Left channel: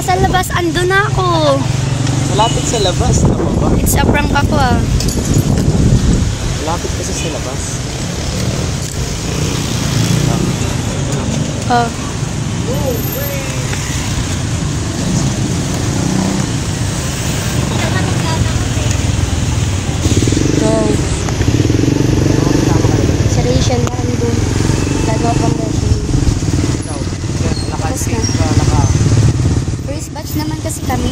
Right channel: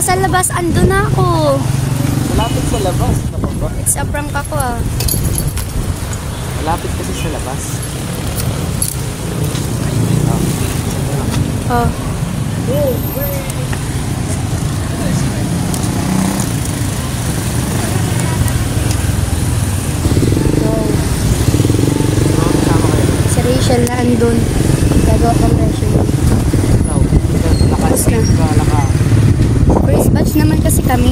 nasa labas, andun na ako. Malapit sa labas. It's a prank ako ah. Malapit kasi sa labas. Oh. Sa Rachel na andun. Tago ko presyo. First batch naman kasi kami.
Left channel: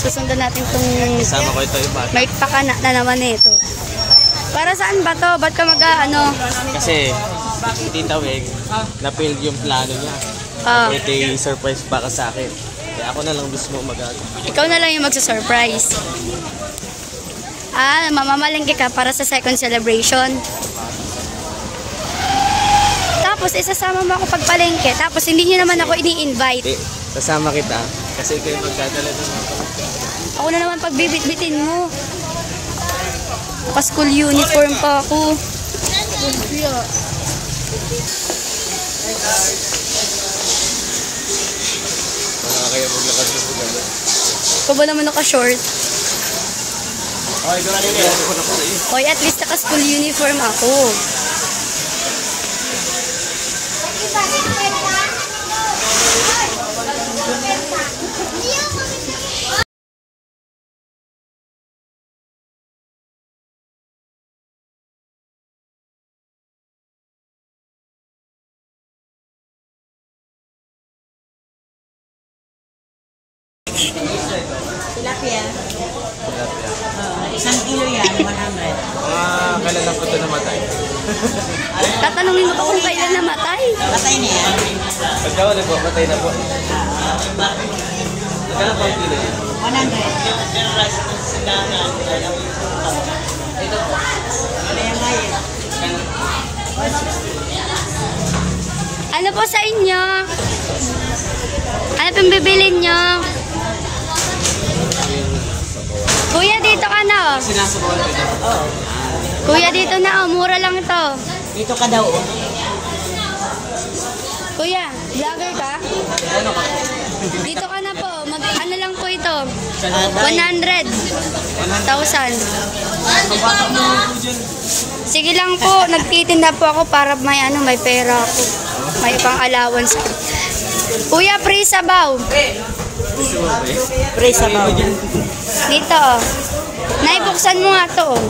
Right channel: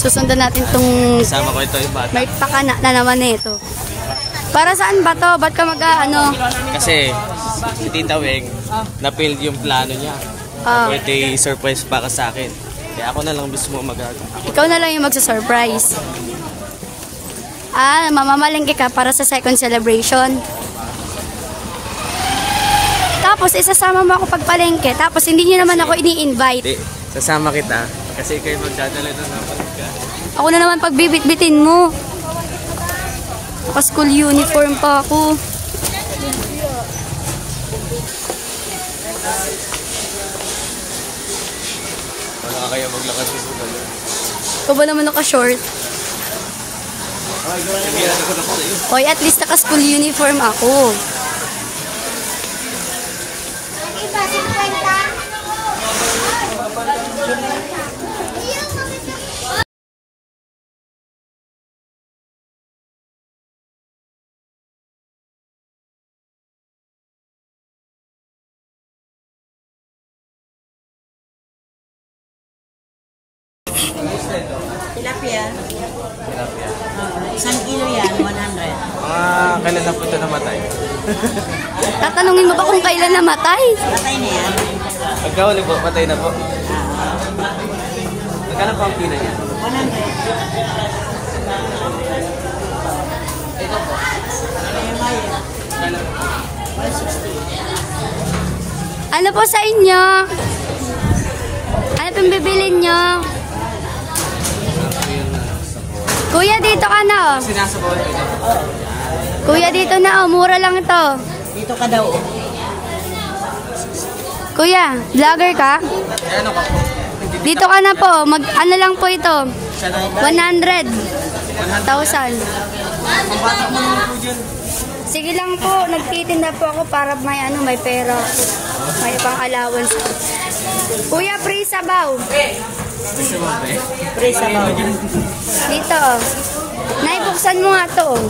Susundan natin tong Kasama ko ito yung bata. may pakana na naman ito. Para saan ba to? Ba't ka mag-ano? Kasi, Tita Weg, na-build yung plano niya. Birthday surprise para sa akin. Kaya ako na lang mismo mag-agawa. Ikaw na lang yung magsa-surprise. Mamamalengke ka para sa second celebration. Tapos isasama mo ako pagpalengke. Tapos hindi niyo naman ako ini-invite. Hindi, sasama kita. Kasi ikaw yung magdadala doon. Ako na naman pagbibit-bitin mo. Naka-school uniform pa ako. Wala kayo maglakad. Ikaw ba naman naka-short? Okay, gawin niya. Ako na pala yun. Hoy, at least naka-school uniform ako. Tilapia. Isang kilo yan, 100. Kailan na po ito namatay? Tatanungin mo ba kung kailan namatay? Patay na yan. Pagkawali po, patay na po. Magkano po ang kilo yan? 100. Ano po sa inyo? Ano pong bibilin nyo? Kuya, dito ka na oh. Sinasabawal ko na. Kuya, dito na oh. Mura lang ito. Dito ka daw. Oh. Kuya, vlogger ka? Ano ka? Dito ka na po. Ano lang po ito? 100. 1,000. Ang bata mo naman po dyan. Sige lang po. Nagtitinda po ako para may pera ako. May pang-allowance. Kuya, free sabaw. Gusto mo ba eh? Pre sa bawah. Dito oh. Naibuksan mo nga to oh.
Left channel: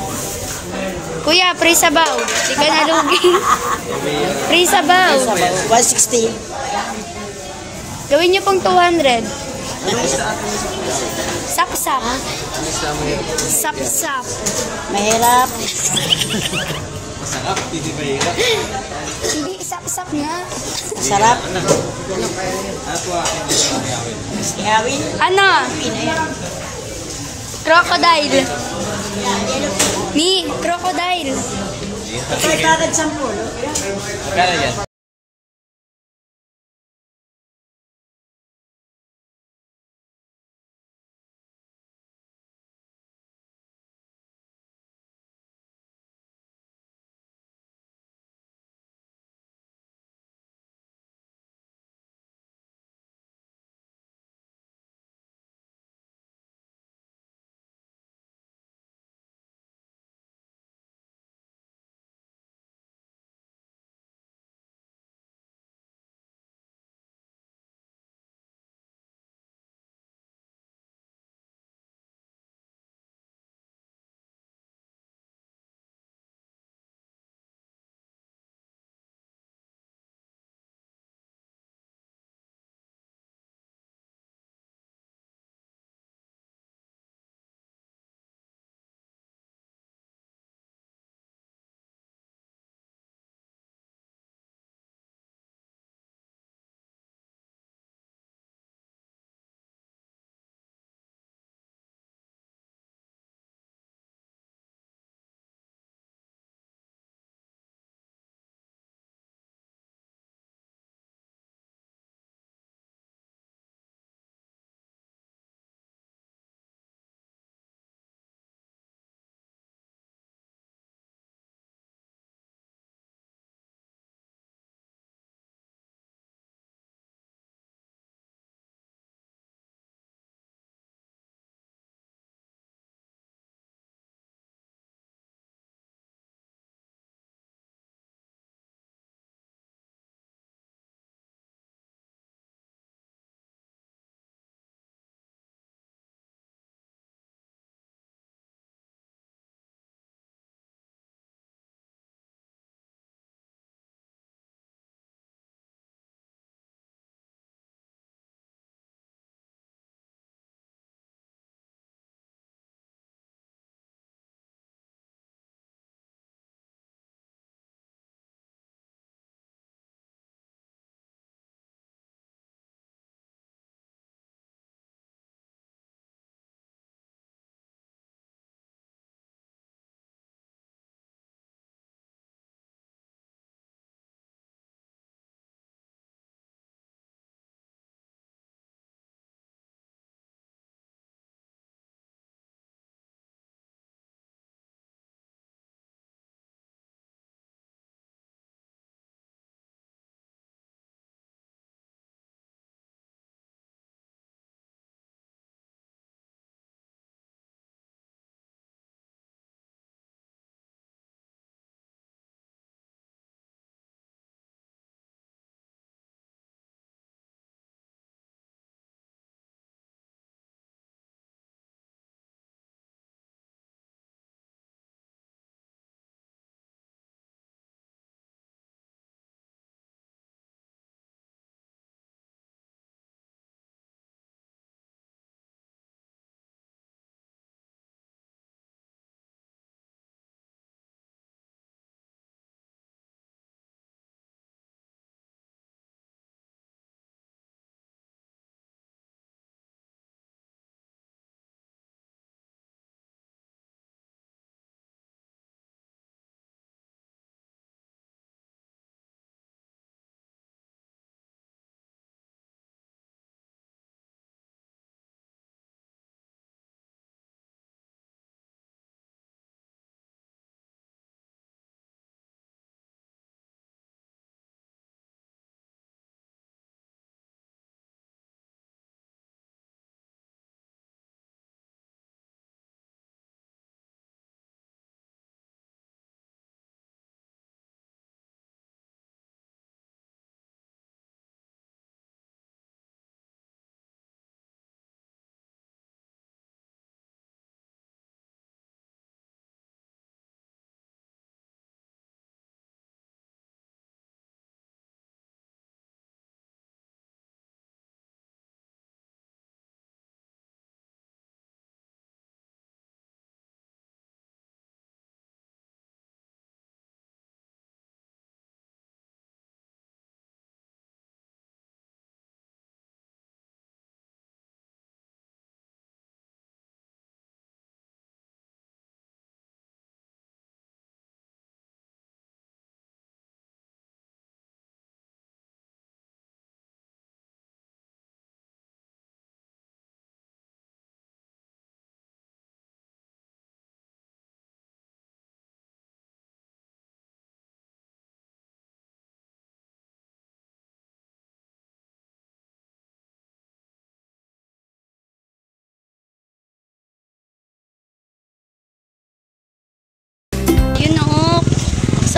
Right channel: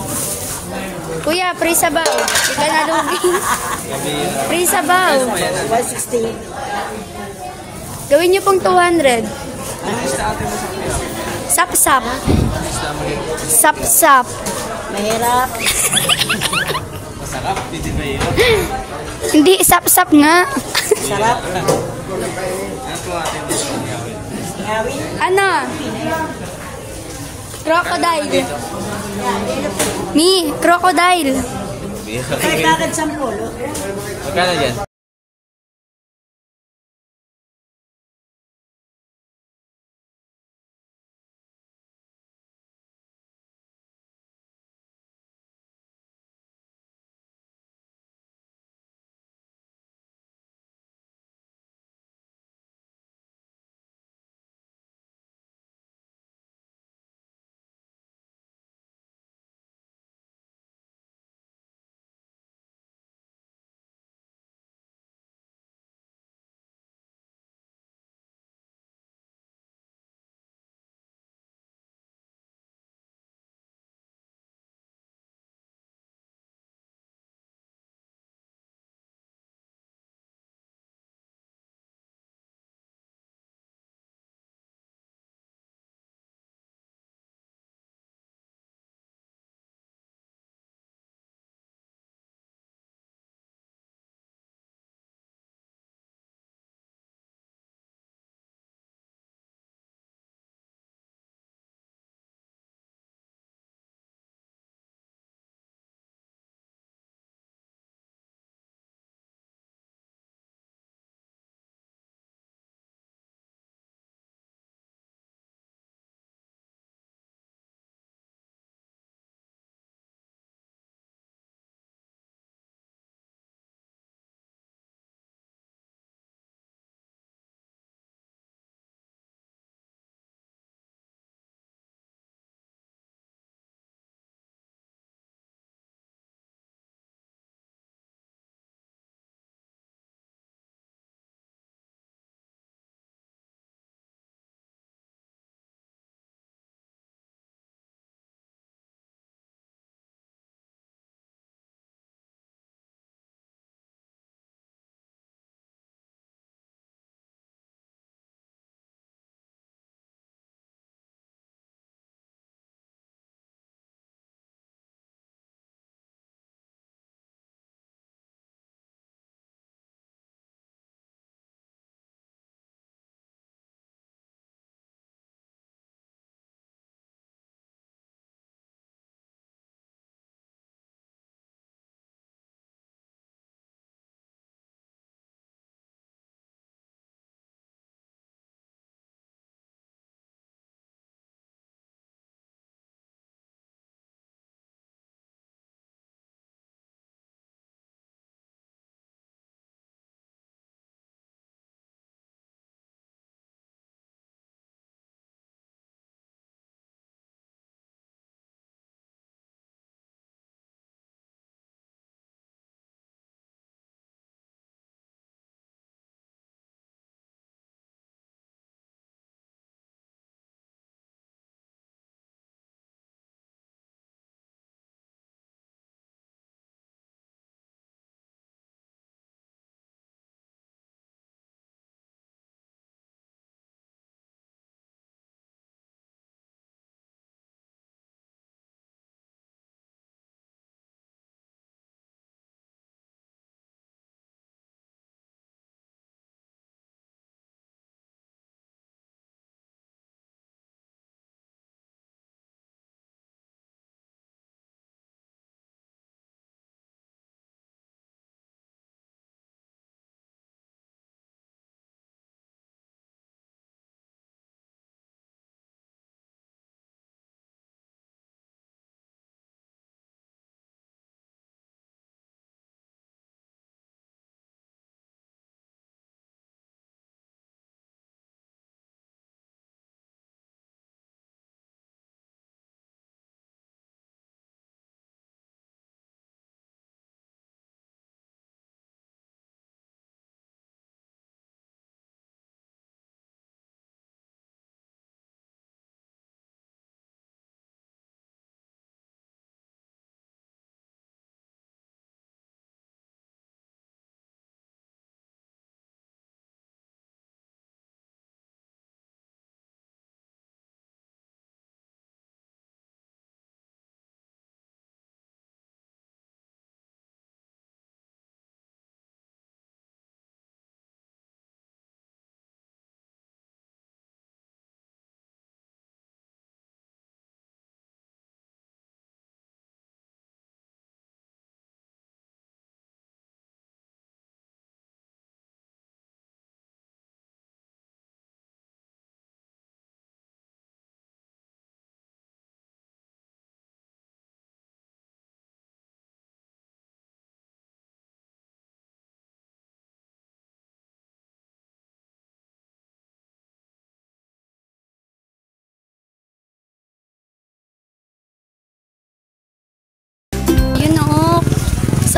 Kuya, free sabaw. Hindi ka nalugi. Free sabaw. 160. Gawin niyo pong 200. Sap-sap. Sap-sap. Mahirap. Masarap, hindi ba yun? Hindi, sap-sap nga. Sarap. Ano po aking Ngawin. Ano? Crocodile. Ni, crocodile. 510. Magkano dyan?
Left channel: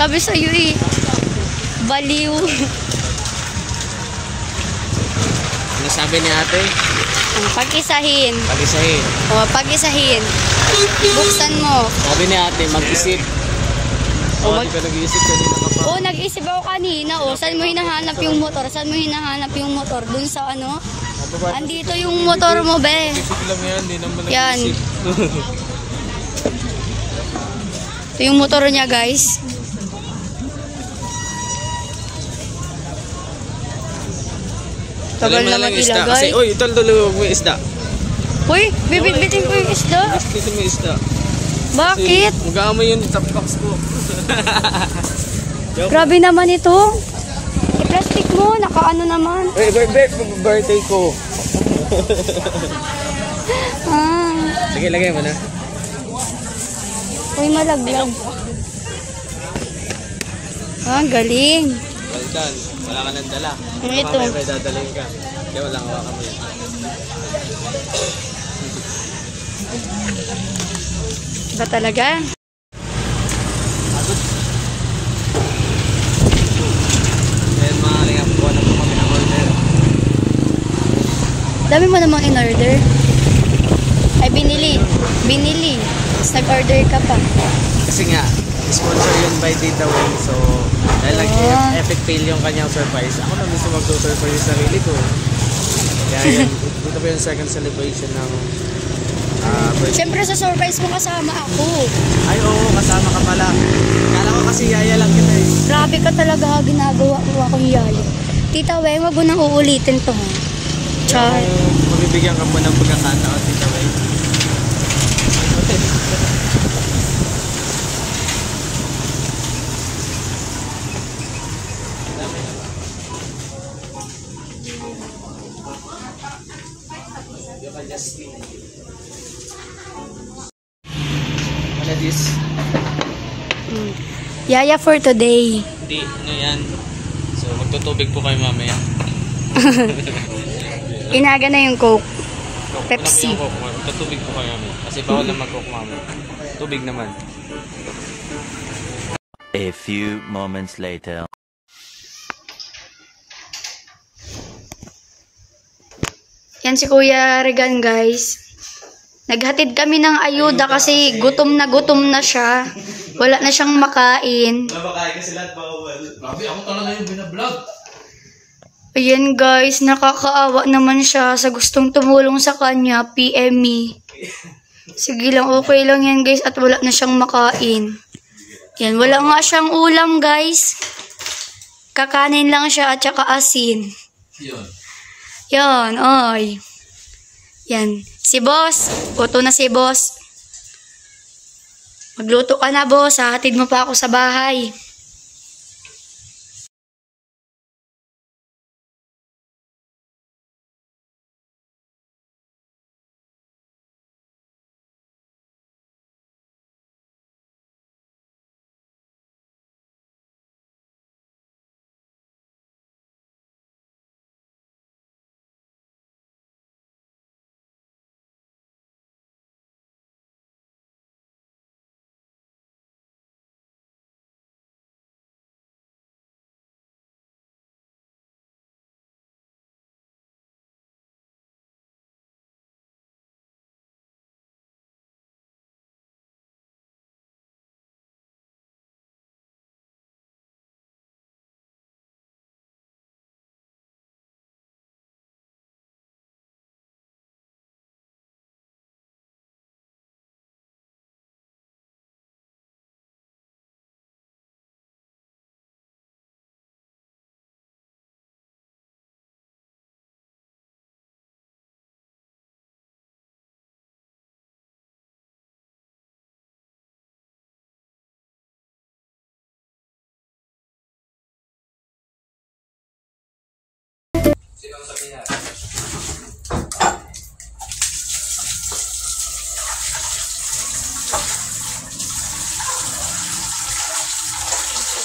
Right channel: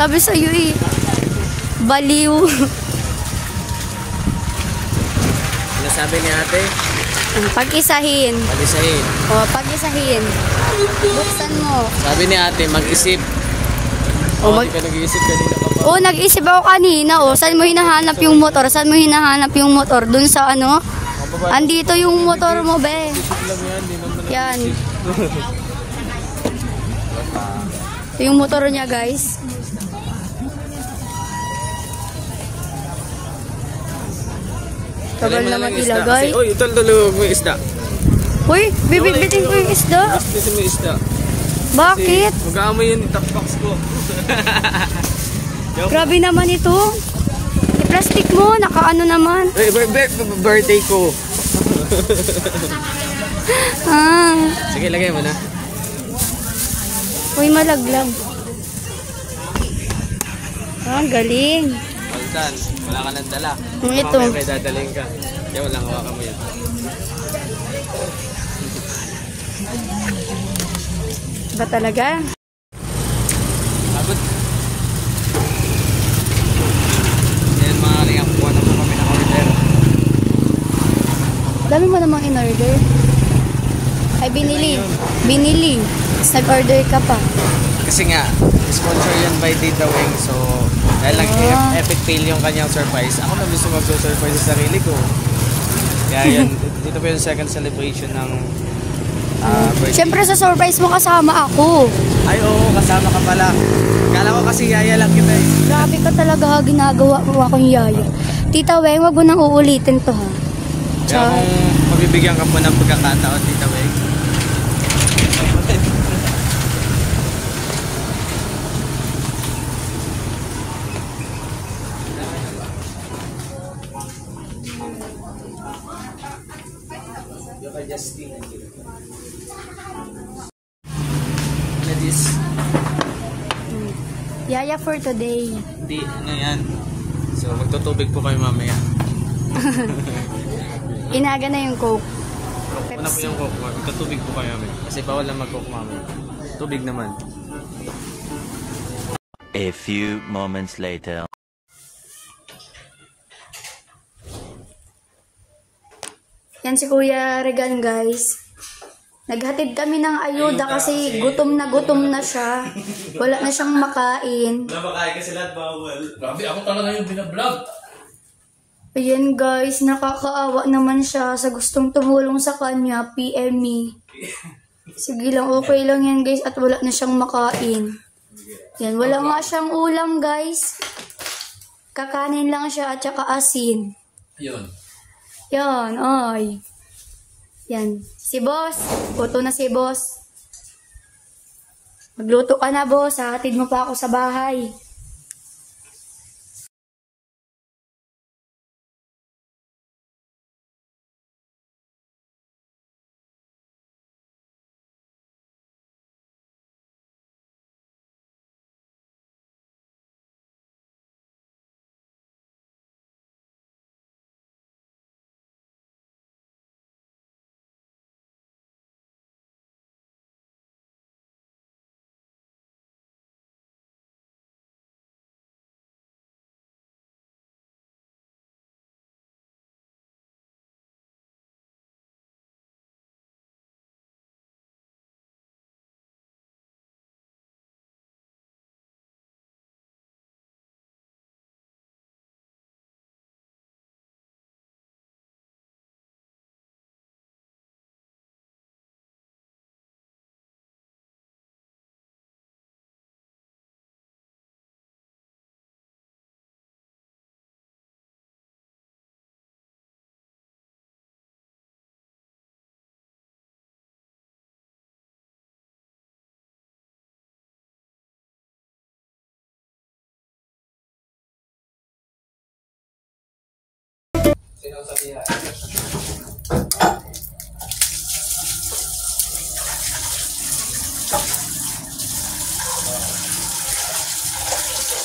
Sabi sa'yo eh, baliw. Ano sabi ni ate? Ang pag-isahin. Mag-isahin. O, pag-isahin. Buksan mo. Sabi ni ate, mag-isip. Di ka nag-iisip kanina ka pa. O, nag-isip ako kanina. O, saan mo hinahanap yung motor? Saan mo hinahanap yung motor? Dun sa ano? Andito yung motor mo, be. Isip lang yan, hindi naman Yan. nag-iisip. Ito yung motor niya, guys. Talay Tagal mo na naman lang yung isda. ilagay. Kasi, uy, talulog mo yung isda. Uy, bibit-bitin ko yung isda. Dito mo yung isda. Bakit? Mag-aamoy yung top box ko. Grabe naman ito. I-plastic mo, nakaano naman. Birthday ko. Ah, Sige, lagay mo na. uy, malaglag. Ah, galing. Well done. Wala ka nang dala. Ito. Mamaya may dadalhin ka. Kaya wala ka kami. Ba talaga? Ayan mga kalingap, kuha na po kami ng order. Dami mo namang in-order. Ay, binili. Binili. Tapos nag-order ka pa. Kasi nga, sponsor yun by Tita Weng. So, dahil epic fail yung kanyang surprise. Ako na gusto mag-surprise sa sarili ko. Kaya yan, dito po yung second celebration ng birthday. Siyempre sa surprise mo kasama ako. Ay, oo, kasama ka pala. Kala ko kasi yaya lang kita eh. Grabe ka talaga, ginagawa mo akong yaya. Tita Weng, wag mo nang uulitin to. Ha? Kaya kung mabibigyan ka po ng pagkakataon, Tita Weng. Ano this? Yaya for today. Hindi, ano yan? So, magtutubig po kayo mamaya. Inaga na yung Coke. Pepsi. Magtutubig po kayo mamaya. Kasi bawal na mag-cook mamaya. Tubig naman. A few moments later. Yan si Kuya Regan, guys. Naghatid kami ng ayuda kasi gutom na siya. Wala na siyang makain. Napakain kasi lahat bawal. Grabe, ako talaga yung binablog. Ayan guys, nakakaawa naman siya sa gustong tumulong sa kanya, PM me. Sige lang, okay lang yan guys at wala na siyang makain. Yan, wala nga siyang ulam guys. Kakanin lang siya at saka asin. Yun. Yan, ay. Yan, si boss. Uto na si boss. Magluto ka na boss, hatid mo pa ako sa bahay.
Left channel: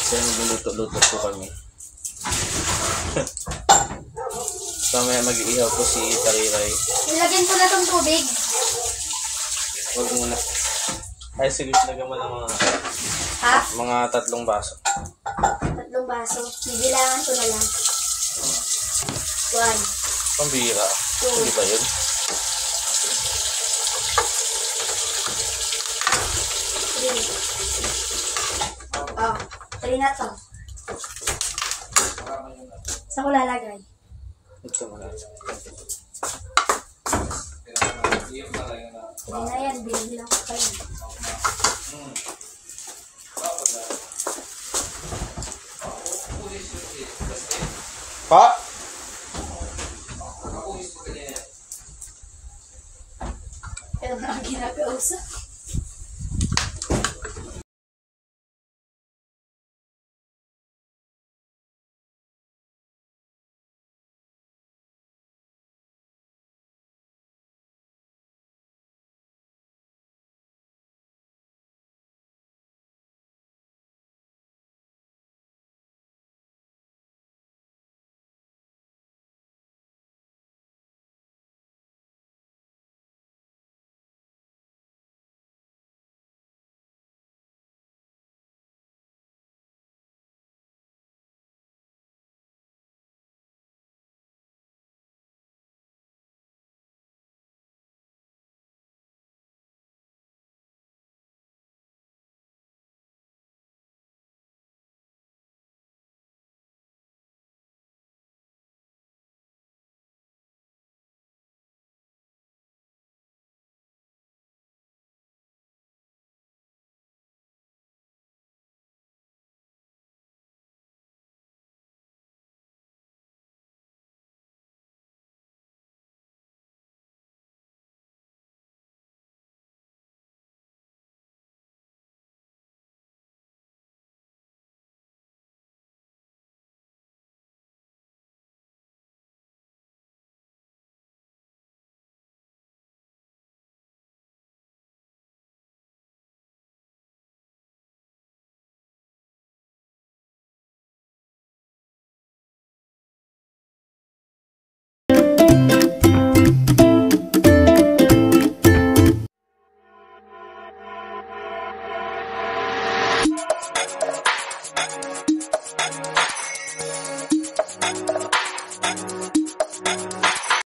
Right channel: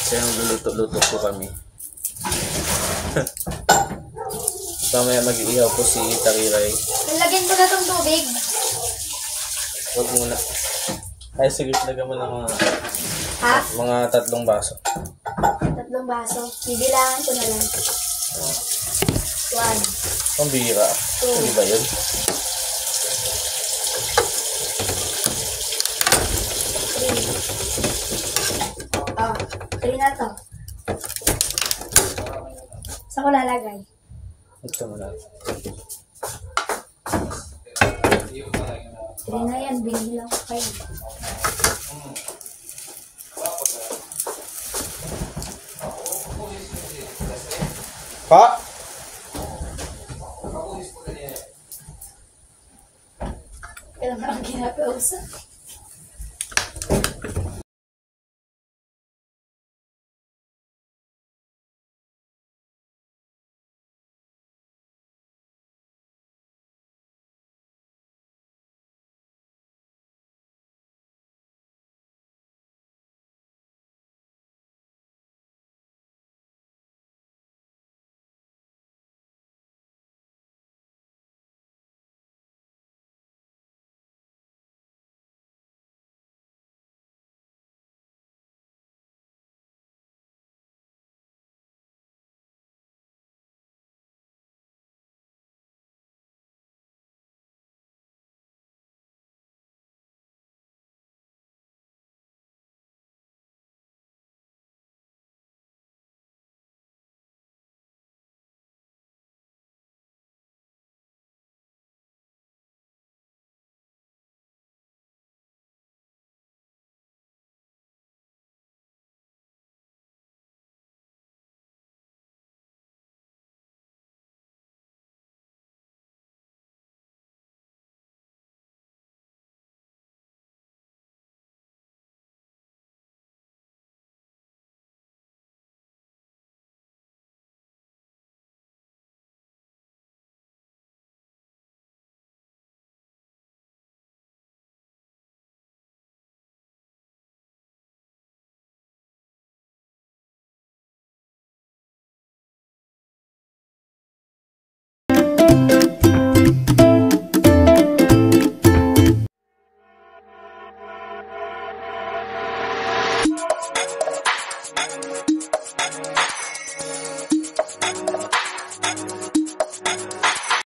Kaya luluto-luto po kami. Mamaya mag-iihaw po si Tangiray. Lagyan ko na tong tubig. Huwag muna. Ay, sige, lagyan mo lang mga Half? Mga 3 baso. 3 baso. Bibilangan ko na lang. 1, Pambira. 2, Hindi ba yun? 3. 3 na to. Saan ko lalagay? Ito mo lang. 3 na yan, binibilang ko kayo. Pa? Kailan na ako ginagausap?